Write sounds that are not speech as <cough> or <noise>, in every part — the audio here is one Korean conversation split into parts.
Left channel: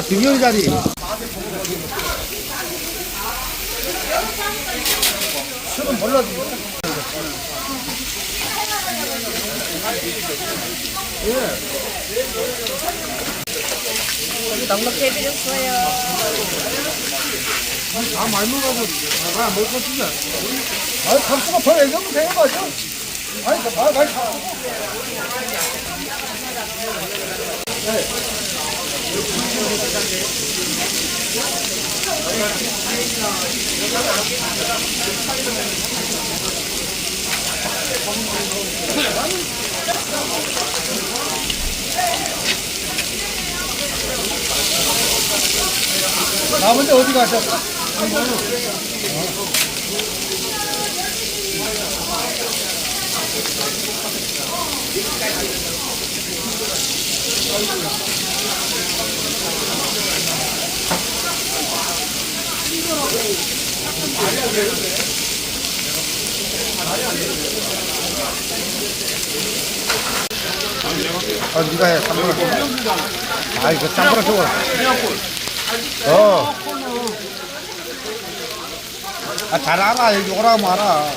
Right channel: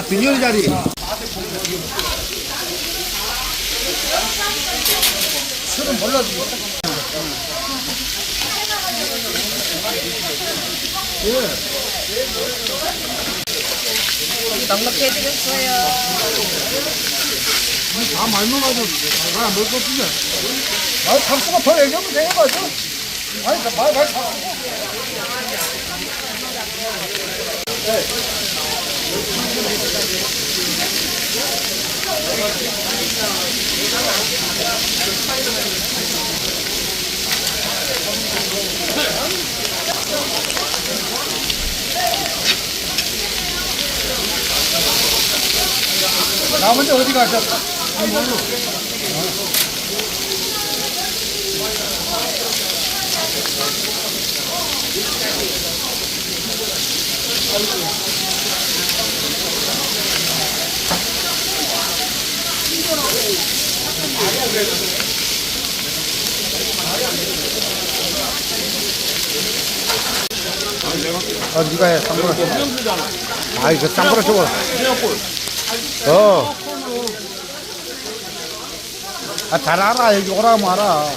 자, 비닐 자리. 술은 몰라주겠다. 넉넉히 해드렸어요. 아니, 박수가 더 얘기하면 돼요, 맞아. 아니, 저 말, 말, 박수. 나머지 어디 가셨어? 아, 니가 해, 쌈보라. 아, 이거 쌈보라 좋아. 어. 아, 잘 알아. 여기 오라면 알아.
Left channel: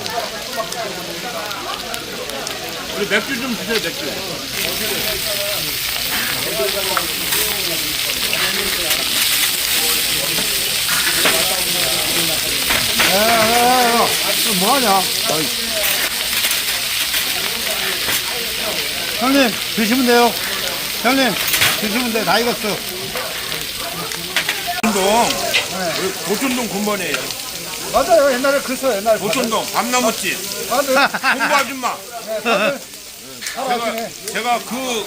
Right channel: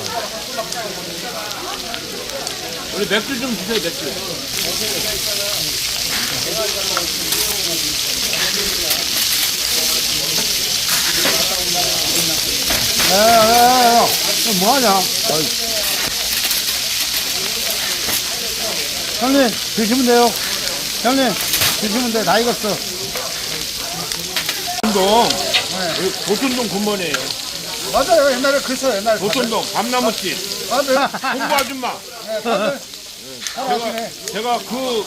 맥주 좀 주세요, 맥주. 야, 야, 야, 야. 너 뭐하냐? 형님, 드시면 돼요. 형님, 드시면 돼. 다 익었어. 보촌동, 네. 보촌동 군번이에요. 맞아요. 옛날에 그랬어. 옛날에. 보촌동, 밤나무집, 다들, 홍보 아줌마. 네, 살아왔네. 제가 그,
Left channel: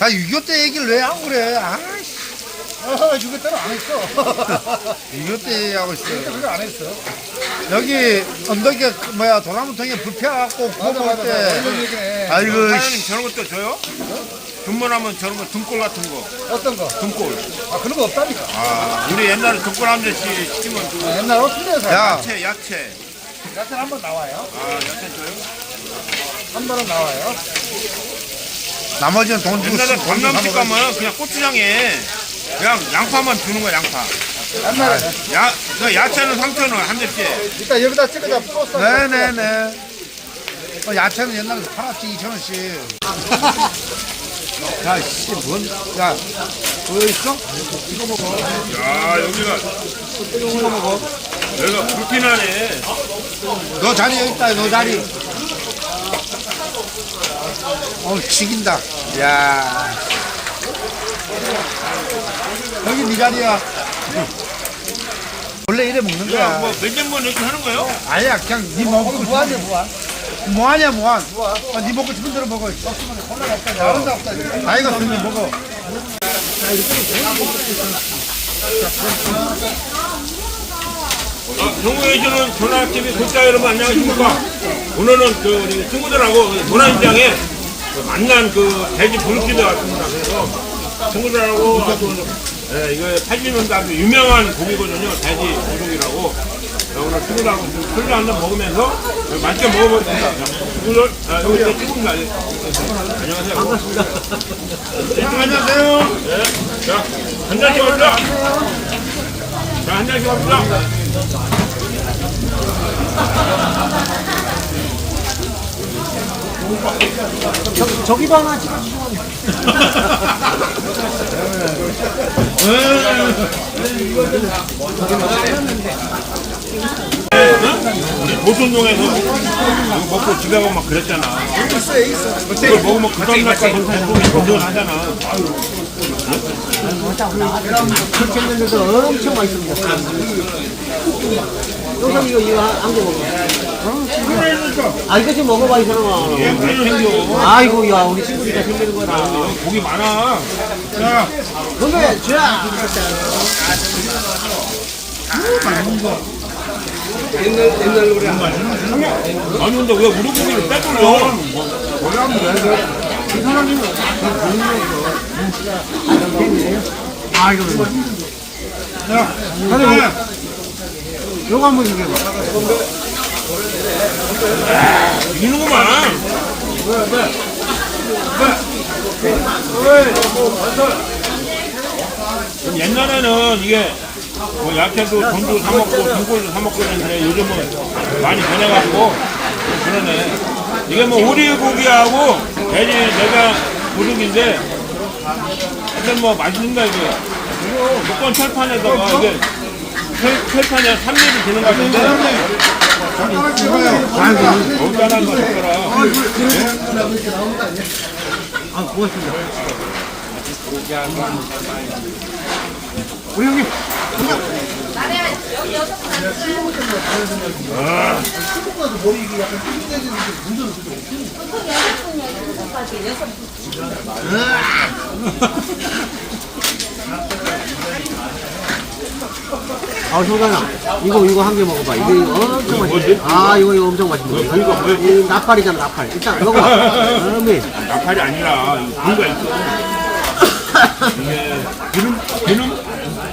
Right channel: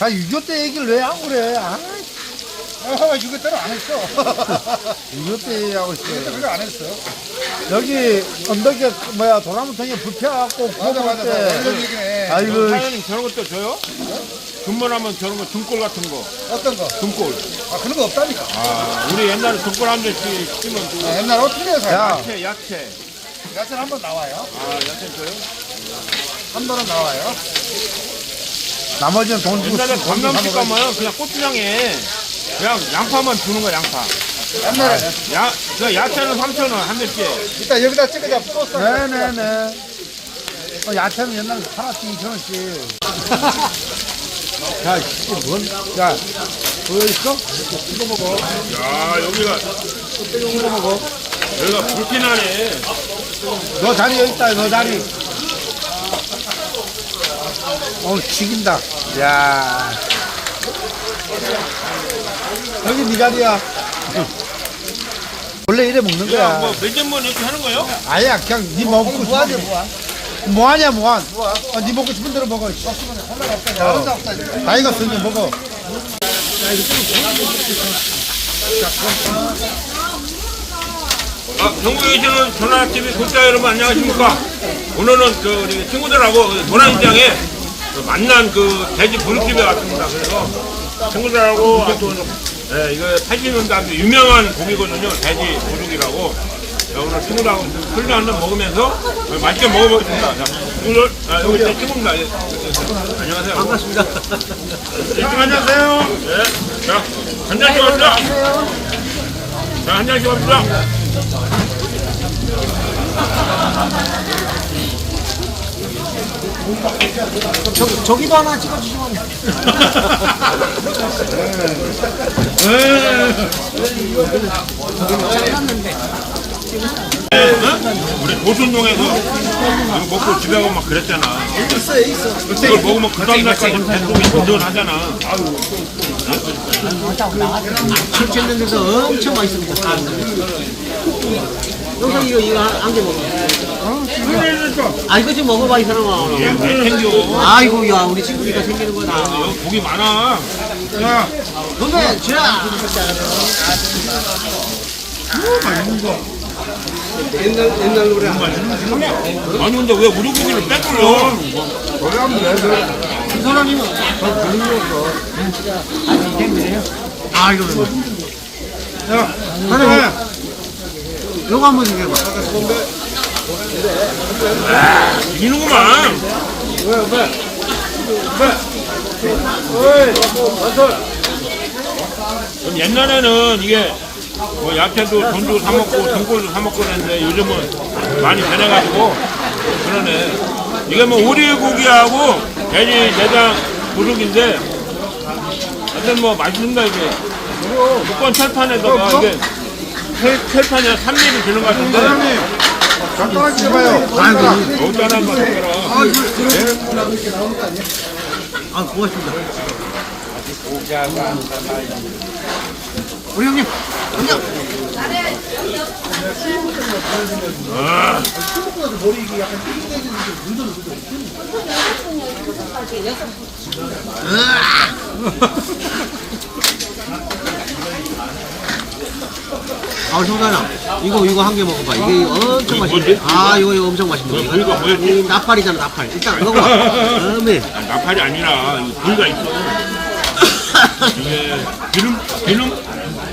아, 6.25때 얘기를 왜 안 그래? 아 아, 6.25 때는 안 했어. <laughs> 6.25때 얘기하고 있어. 6.25때 그거 안 했어. 여기 언덕에 그 뭐야 도나무통에 불펴갖고 구워 먹을 때. 얘기네. 아이고, 사장님 저런 것도 줘요? 군번하면 저런 거 등골 같은 거, 어떤 거? 등골. 아, 그런 거 없다니까. 아, 우리 옛날에 등골 한 대씩 시키면 그 아, 옛날에 어떻게 해서? 야, 야채, 야채. 야채 한번 나와요. 아, 야채 줘요? 한 번은 나와요. 나머지는 돈 주고 옛날에 쓰- 주고 사 먹어야지. 가면 그냥 고추장에 그냥 양파만 주는 거야, 양파. 야, 그 야채는 3,000원 한 대씩. 이따 여기다 찍어다 소스. 네네네. 어, 야채는 옛날에 팔았지 2,000원씩. <laughs> 야, 씨, 뭔, 야, 그거 있어? 아, 여기가, 이거 먹어. 여기가 불피나네. 너 자리 여기 있다, 너 자리. 어, 죽인다. 야. 여기 네 자리야. 원래 이래 먹는 거야. 뭐, 몇개번 이렇게 하는 거예요? 아니야, 그냥 네 먹고 싶은 뭐하냐, 뭐하? 뭐하냐, 뭐하? 뭐하? 아, 네 먹고 싶은 대로 먹어. 데 없다. 다 익었으면 먹어. 아, 전국에 계시는 전화TV 구독자 여러분 안녕하십니까? 오늘은 그 우리 친구들하고 도난시장에 그 만난 그 돼지 분집에 왔습니다. 그래서 친구들하고 아주 예, 이거 80년대 아주 유명한 고기거든요. 돼지 도둑이라고. 자, 오늘 친구들하고 좀 술도 한잔 먹으면서 맛있게 먹어보겠습니다. 자, 친구들, 아, 여기 제 친구입니다. 예, 예. 안녕하세요. 반갑습니다. 예, 안녕하세요. 예, 자, 한 잔씩 합니다. 자, 한 잔씩 합니다. 저기도 하나 찍어주시면 우리 도순동에서 이거 먹고 집에 가고 막 그랬잖아. 그걸 먹으면 그 다음날까지 배속이 든든하잖아. 그렇게 했는데도 엄청 맛있습니다. 영상 이거 이거 한개 먹어. 아 이거 좀 먹어봐 이 사람아. 왜 챙겨? 아이고 야 우리 친구니까 생기는 거다. 고기 많아. 건배 자. 아니 근데 왜 우리 고기를 빼돌려? 이 사람이면 아 이거 야 사장님 요거 한번 얘기해봐. 이는구만. 옛날에는 이게 뭐 야채도 돈도 사 먹고 등골도 사 먹고 그랬는데 요즘은 많이 변해가지고 그러네. 이게 뭐 오리고기하고 돼지 내장 부속인데 하여튼 뭐 맛있습니다 이게. 무건 철판에다가 이게 철, 철판이 한 3mm 되는 것 같은데 간단하게 해봐요. 아이고. 어따란 거 해라. 아, 고맙습니다. 우리 형님. 아, <laughs> <laughs> 성단아, 이거, 이거 한 개 먹어봐. 이게 이거 엄청 맛있네. 뭐지? 아, 이거, 이거 엄청 맛있네. 이거 뭐였지? 이 나팔이잖아, 나팔. 일단 먹어봐. <laughs> 다음에. 아, 나팔이 아니라 이 부위가 있어. 이게 기름 기름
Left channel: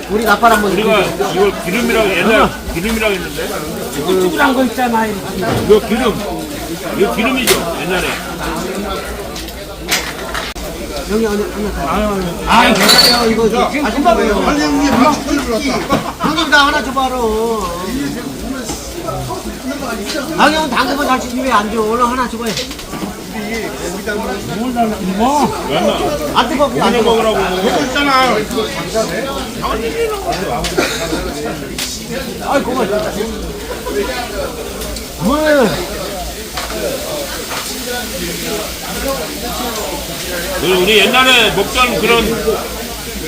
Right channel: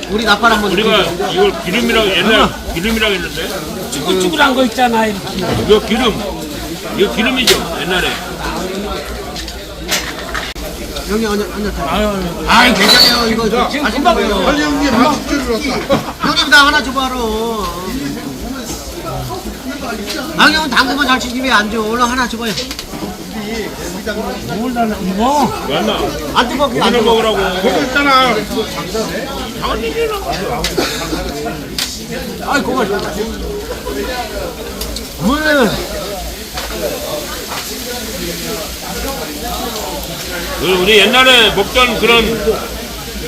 우리 나팔 한번 우리가. 이걸 기름이라고 옛날 기름이라고 했는데 쭈글쭈글한 거 있잖아. 이거 기름 이거 기름이죠 옛날에 여기 언제 언제 아이 괜찮아요. 이거 좀 맛있는 거예요 형님 나 하나 줘봐라 아 형은 당구만 잘 치지 왜안 줘? 얼른 하나 줘봐요. 몰라? 이거. 맞나? 안 뜨거 안 이거 뜨거 먹으라고. 아이 고맙습니다 물그 우리 옛날에 먹던 그런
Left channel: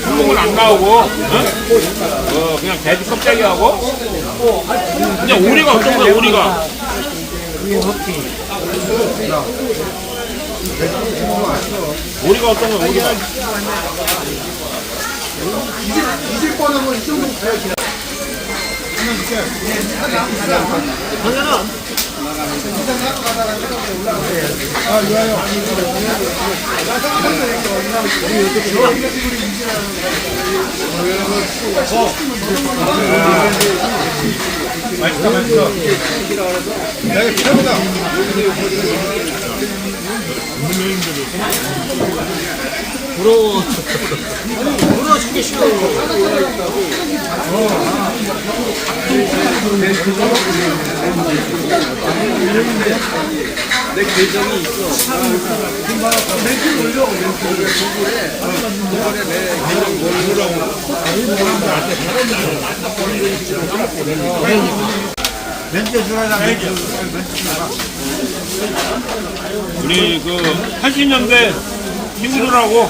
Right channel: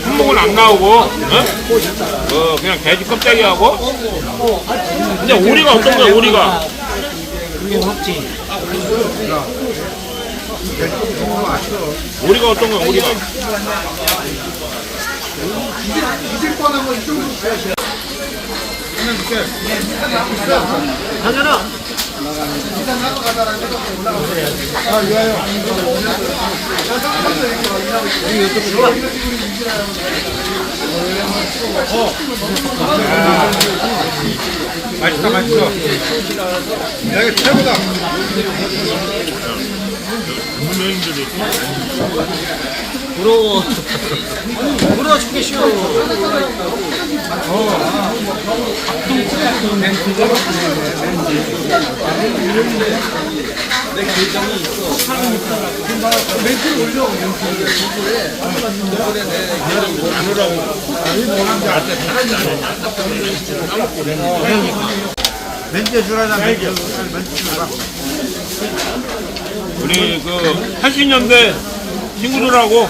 품목은 안 나오고 어? 어, 그냥 돼지 껍데기하고 그냥 오리가 어떤 거야 오리가. 오리가 어떤 거야 오리가 정현아 맛있다, 맛있어. 야, 이거 최고다. 전문여인들이 부러워 부러워 죽겠쇼 멘트 주라다, 멘트. 멘트 주라. 우리 그 80년대 친구들하고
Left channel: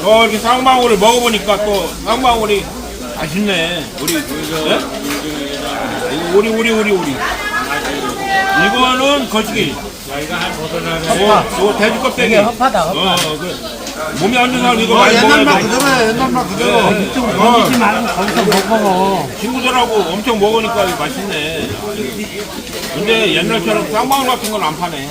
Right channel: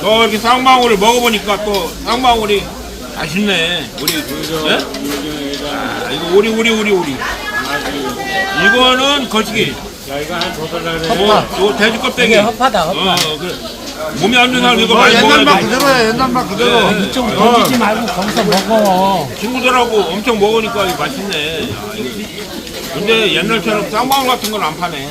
또 이렇게 쌍방울을 먹어보니까 또 쌍방울이 맛있네. 우리 예? 아, 이거 오리 오리 오리 오리. 이거는 거시기. 어, 이거 돼지 껍데기. 어, 어, 그래. 몸이 안 좋은 사람 이거 많이 먹어야 돼. 그대로야, 옛날 맛 그대로. 네. 좀 어, 던지지 말고 거기서 먹어. 친구들하고 엄청 먹으니까 이거 맛있네. 야, 이거. 근데 옛날처럼 쌍방울 같은 건 안 파네.